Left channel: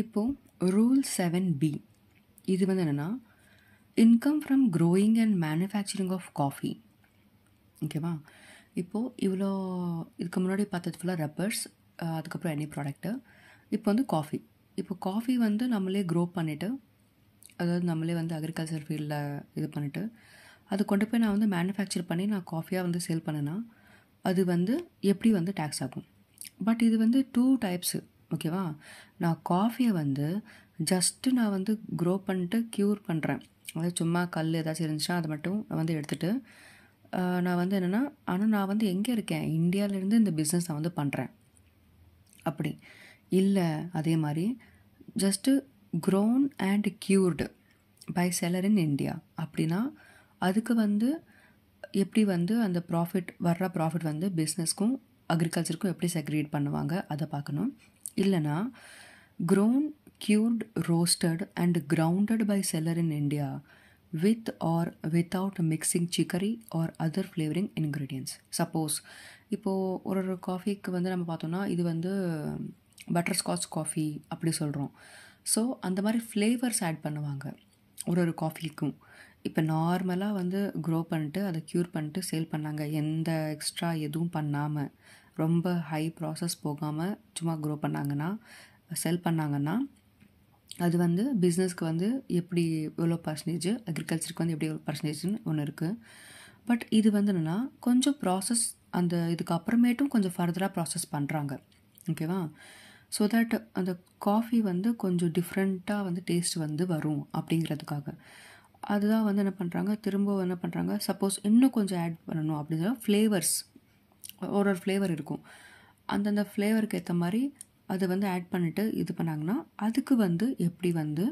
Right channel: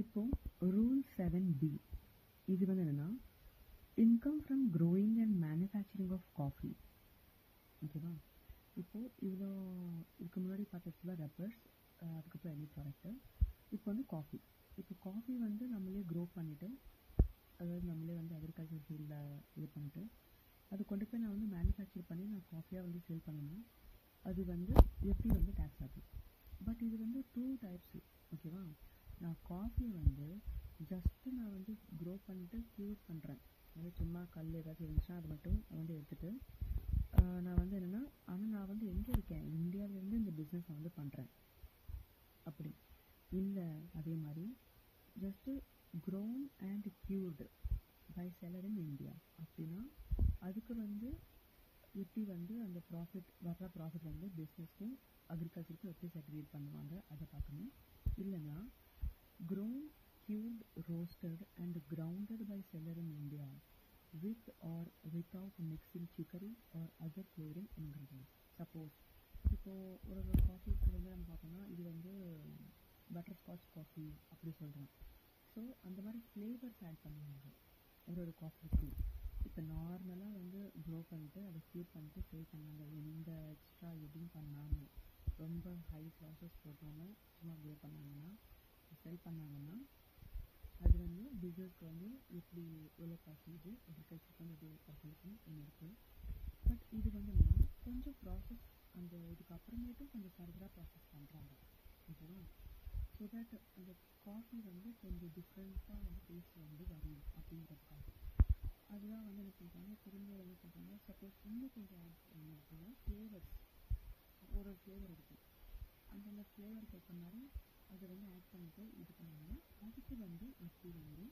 இப்போது rule 7B இது வந்து என்னென்னா income from growing and manufacturing of coffee. ஓகேவா? இப்போது இதுக்கு முன்னாடி பார்த்தது ஃபுல்லாக ரப்பர்ஸ், அதுக்கப்புறம் எனி ப்ராடக்ட்டு. இப்போ வந்து காஃபி. இப்போ காஃபி வந்து நம்மளே க்ரோ பண்ணிவிட்டு, அதாவது நம்மளே வந்து அக்ரிகல்ச்சர் ஃபீல்டில் இது பண்ணிவிட்டு அது கொண்டு போய் நான் வந்து மேனுஃபேக்சர் பண்ணி நான் காஃபியாக வந்து சேல் பண்ணேன்னா அது வந்து எப்படி வந்து டேக்ஸ் ஆகும். பட் இது வந்து 2 டைப்ஸு. ஓகேவா? நான் காஃபியை வந்து ஜஸ்ட்டு நான் வந்து க்ரோ பண்ணிட்டு க்யூர் பண்ணுறேன். அதாவது சும்மா கல் ஏதாச்சும் இருந்துச்சுன்னா அதை மட்டும் நான் வந்து எடுத்துகிட்டு நான் வந்து என்னென்னா, ஆனால் நான் வந்து எங்கே இருக்கேன், இந்தியாவிலேருந்து இந்த பிஸ்னஸ் நான் வந்து பண்ணுறேன். அப்படி இல்லை, அதே மாதிரி just grown and cured by seller in India அப்படின்னா அதுக்கு வந்து எப்படி வந்து அந்த வர்ற ப்ராஃபிட் வந்து பிஸ்னஸ்க்கும் அக்ரிகல்ச்சருக்கும் எப்படி செக்ரிகேட் பண்ணுவாங்க அதை பார்க்கணும். இல்லைனா grown, cured, roasted and grounded by seller in India with or without mixing chicory or other flavoring ingredients. Suppose இப்போது ஒரு காஃபிக்கு வந்து நம்ம பார்த்தோன்னா இது வந்து பட்டர்ஸ்காட்ச் காஃபி அப்படி சொல்கிறோம். ஸோ அந்த மாதிரி ஃப்ளேவர்ஸ் ஆட் பண்ணுவாங்க ஒரு காஃபிக்கும். இப்போ நார்மலாக வந்து க்ரோ பண்ணிட்டு அதை க்யூர் பண்ணிட்டு சேல் பண்ணாங்க, எந்த எக்ஸ்ட்ரா எதுவும் பண்ணாமல் ரொம்ப ஹை ப்ராசஸ் போகாமல் சும்மா க்ரோ பண்ணாங்கன்னா செல் பண்ணாங்கன்னா அது வந்து பிஸ்னஸ்க்கு வந்து எப்படி எவ்வளோ பர்சன்டேஜ், அக்ரிகல்ச்சருக்கு வந்து எப்படி எவ்வளோ பர்சன்டேஜ்னு ஒன்று இருக்குது. பட் இது வந்து என்னென்னா கொஞ்சம் ப்ராசஸ் அந்த இதுக்கு அப்புறமேட்டும் கொஞ்சம் ஃபர்தராக ப்ராசஸ் பண்ணுறாங்க. ஓகேவா? ஸோ தட் அந்த காஃபி வந்து கொஞ்சம் டிஃப்ரெண்ட்டாக வந்து டேஸ்ட் வந்து வரும் அப்படிங்கிறதுக்காக அதுதான் வந்து என்ன பண்ணுறாங்க, திரும்ப என்ன பண்ணுறாங்க, சப்போஸ் இன்னும் கொஞ்சம் ஆட் பண்ணணும் அப்படின்னா ஃப்ளேவர்ஸ் ஒரு ஃப்ளேவர் இருக்கும், அந்தந்த ஃப்ளேவருக்கு ஏற்ற மாதிரி அதை வந்து ஆட் பண்ணிவிட்டு இது பண்ணாங்கன்னா அதுக்கு வந்து எப்படி வந்து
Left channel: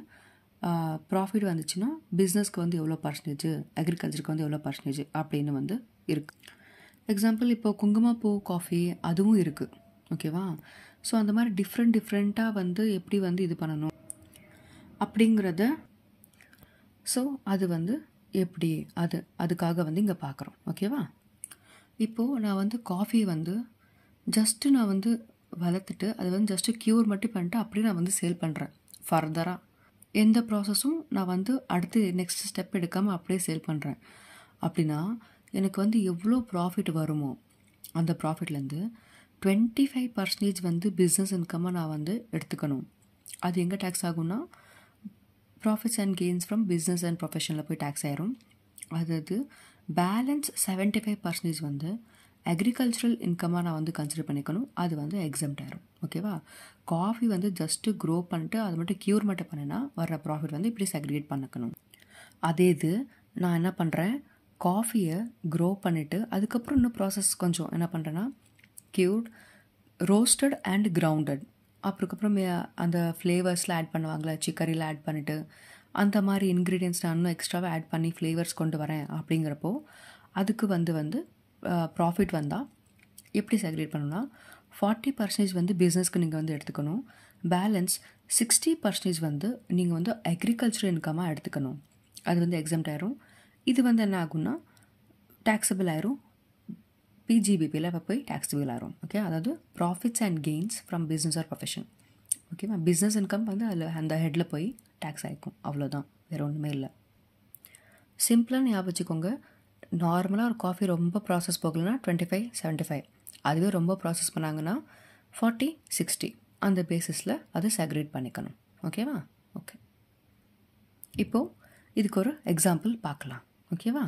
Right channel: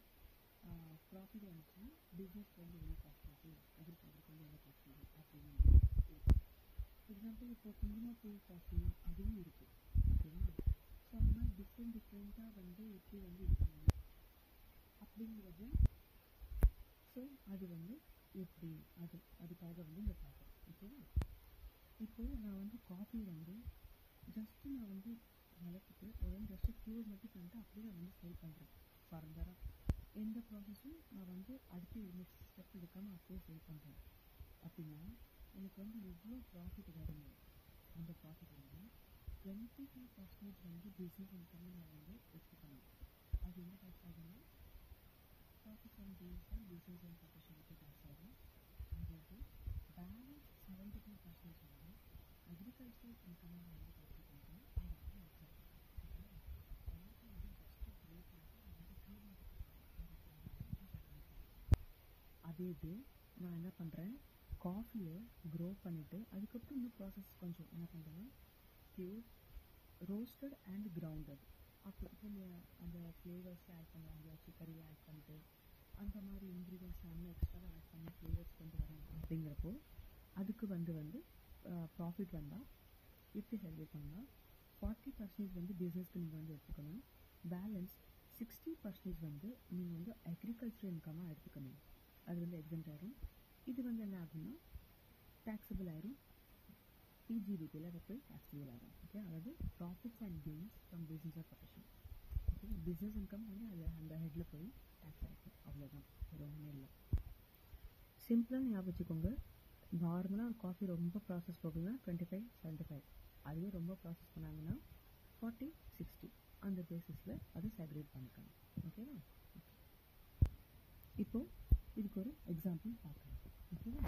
ப்ராஃபிட் வந்துச்சுன்னா பிஸ்னஸ்க்கு வந்து எவ்வளோ பர்சன்டேஜ், அக்ரிகல்ச்சருக்கு வந்து எவ்வளோ பர்சன்டேஜ் அப்படின்னு வந்து இருக்குது. எக்ஸாம்பிள் இப்போ குங்குமப்பூ காஃபி அதுவும் இருக்குது. ஓகேவா? ஸோ அந்த மாதிரி டிஃப்ரெண்ட்டாக வந்து எப்படி வந்து இது பண்ணணும் அப்படிங்கிறத ஸோ அது வந்து எப்படி அதுக்காக வந்து இங்கே பார்க்குறோம். ஓகேவா? இப்போது நான் வந்து காஃபி வந்து ஜஸ்ட்டு நான் வந்து வளர்த்துட்டு அதை வந்து ஜஸ்ட்டு க்யூர் மட்டும் பண்ணிட்டு அப்படியே நான் வந்து சேல் பண்ணுறேன். ஃபர்தராக எந்த ப்ராசஸும் நான் வந்து அடுத்து நெக்ஸ்ட் ஸ்டெப் எடுக்காமல் அப்படியே சேல் பண்ணுறேன். அப்படின்னா எனக்கு வந்து எவ்வளோ ப்ராஃபிட் வருமோ அந்த ப்ராஃபிட்லேருந்து 25% வந்து பிஸ்னஸ் இன்கம்மாக நான் வந்து எடுத்துக்கணும். அது எங்கே டேக்ஸ் ஆகும்னா profits and gains from business and ப்ரொஃபஷனில் போய் டேக்ஸ் ஆயிரும். அதாவது பேலன்ஸ் 75% வந்து அக்ரிகல்ச்சரல் இன்கமாக நான் வந்து கன்சிடர் பண்ணிக்கணும். அது வந்து எக்ஸம்ட் ஆயிரும். ஓகேவா? காஃபி வந்து ஜஸ்ட்டு க்ரோ பண்ணிட்டு அது மட்டும் க்யூர் மட்டும் பண்ணினா வர்ற ப்ராஃபிட் வந்து இப்படி செக்ரிகேட் பண்ணிக்கணும். அதே இது நான் என்ன பண்ணுறேன், காஃபியை க்ரோ பண்ணிவிட்டு அதுக்கப்புறம் இன்னும் ப்ராசஸ் கொஞ்சம் என்ன பண்ணுறேன்னா க்யூர்ட், ரோஸ்டட் அண்ட் கிரவுண்டட், அப்புறக்கப்புறம் அந்த ஃப்ளேவர்ஸில் ஆட் பண்ணுவாங்களே, சிக்கரியில் ஆட் பண்ணிவிட்டு அந்த மாதிரி இன்க்ரீடியன்ஸ் நான் இன்னும் எக்ஸ்ட்ராவாக ஆட் பண்ணி ஃப்ளேவர்ஸ் கொண்டு வரேன். அப்படிங்கிறப்போ அதுக்கு வந்து ப்ராஃபிட் வந்தால் எப்படி செக்ரிகேட் பண்ணணும்னா 40% வந்து பிஸ்னஸ்க்கு நீங்கள் வந்து எடுத்துக்கணும். பேலன்ஸ் 60% வந்து நீங்கள் வந்து அக்ரிகல்ச்சர் இன்கமாக எடுத்துக்கணும். அது வந்து எக்ஸம்ட் ஆயிரும். இது வந்து என்ன ஆகும்னா டேக்ஸபிள் ஆயிரும். பிஜிபிபியில் இப்போ போய் டேக்ஸபிள் ஆயிரும். ஓகே? அதாவது profits and gains from business or profession. ஓகேவா? பிஸ்னஸ் இன்கம் வந்து அதில் அந்த ஹெட்டில் போய் டேக்ஸ் ஆகிக்கும். அவ்வளோதான், வேறு ஒன்றுமே இல்லை. சிம்பிளாக ஞாபகம் வச்சுக்கோங்க. நார்மலாக ஒரு காஃபி ரொம்ப ப்ராசஸ் போகலைன்னா 25-75, அதுவே ரொம்ப ப்ராசஸ் பண்ணாங்கன்னா 40-60 அந்த பேசிஸில் அதை செக்ரிகேட் பண்ணிக்கணும். ஓகேவா? ஓகே, இப்போது இதுக்கு ஒரு எக்ஸாம்பிள் பார்க்கலாம். ஓகேவா?